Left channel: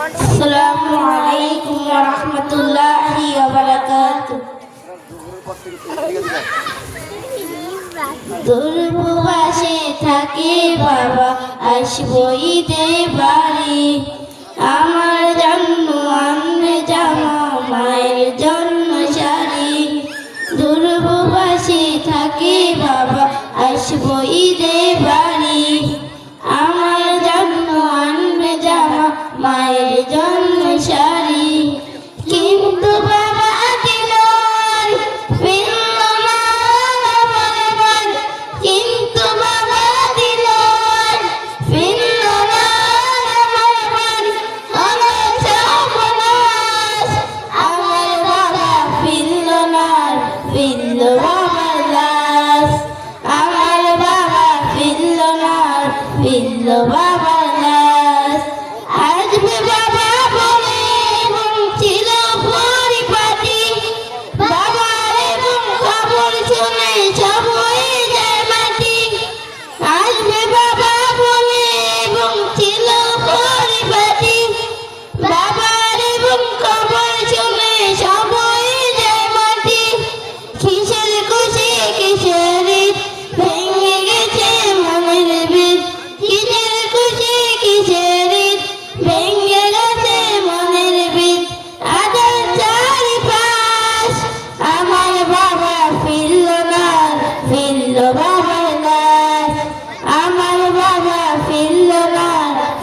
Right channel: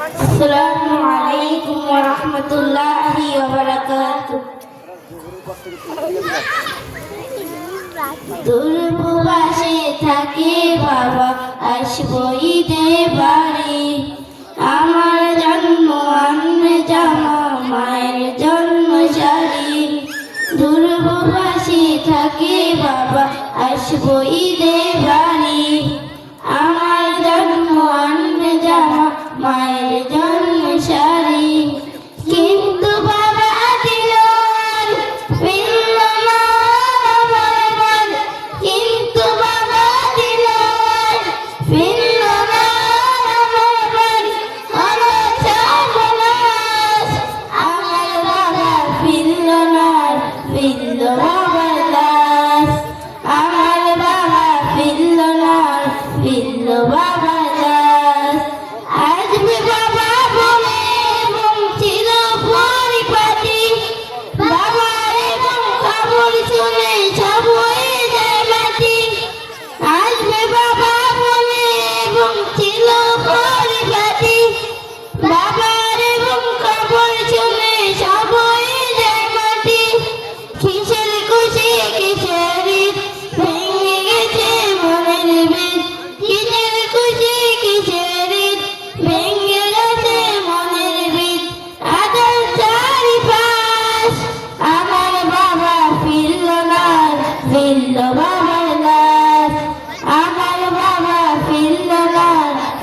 আসসালামু থাকে বাবা আসব ঈদে আমার জন্ম আমরে জামা মায়ের জন্ম সারি দুর্ভবাসে থাকে বাবা আসব ঈদে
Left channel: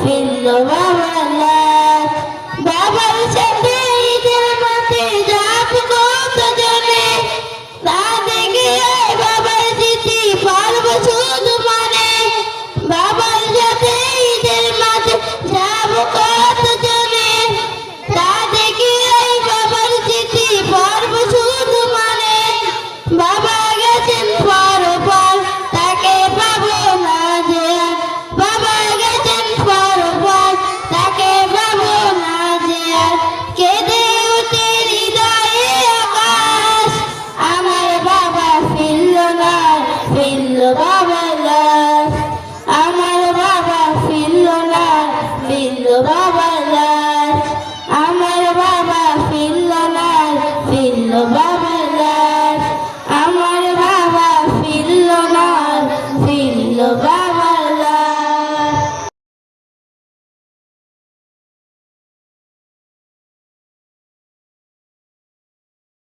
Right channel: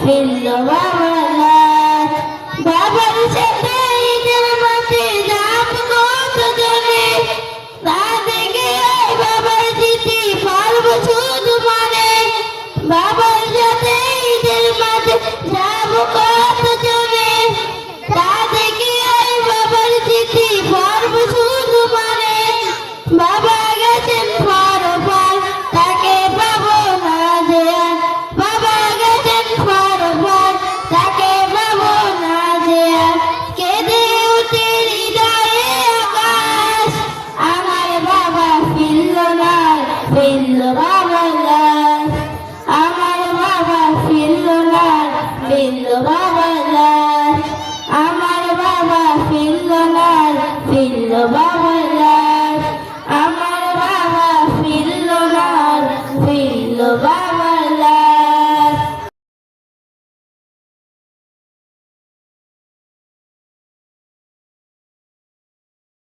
Pelo da ফিরল বাবা গাছ আমার বাবা ফিরল না, ফিরল বাবা গাছ আমার বাবা ফিরল না, ফিরল বাবা গাছ আমার বাবা ফিরল না। ফিরল বাবা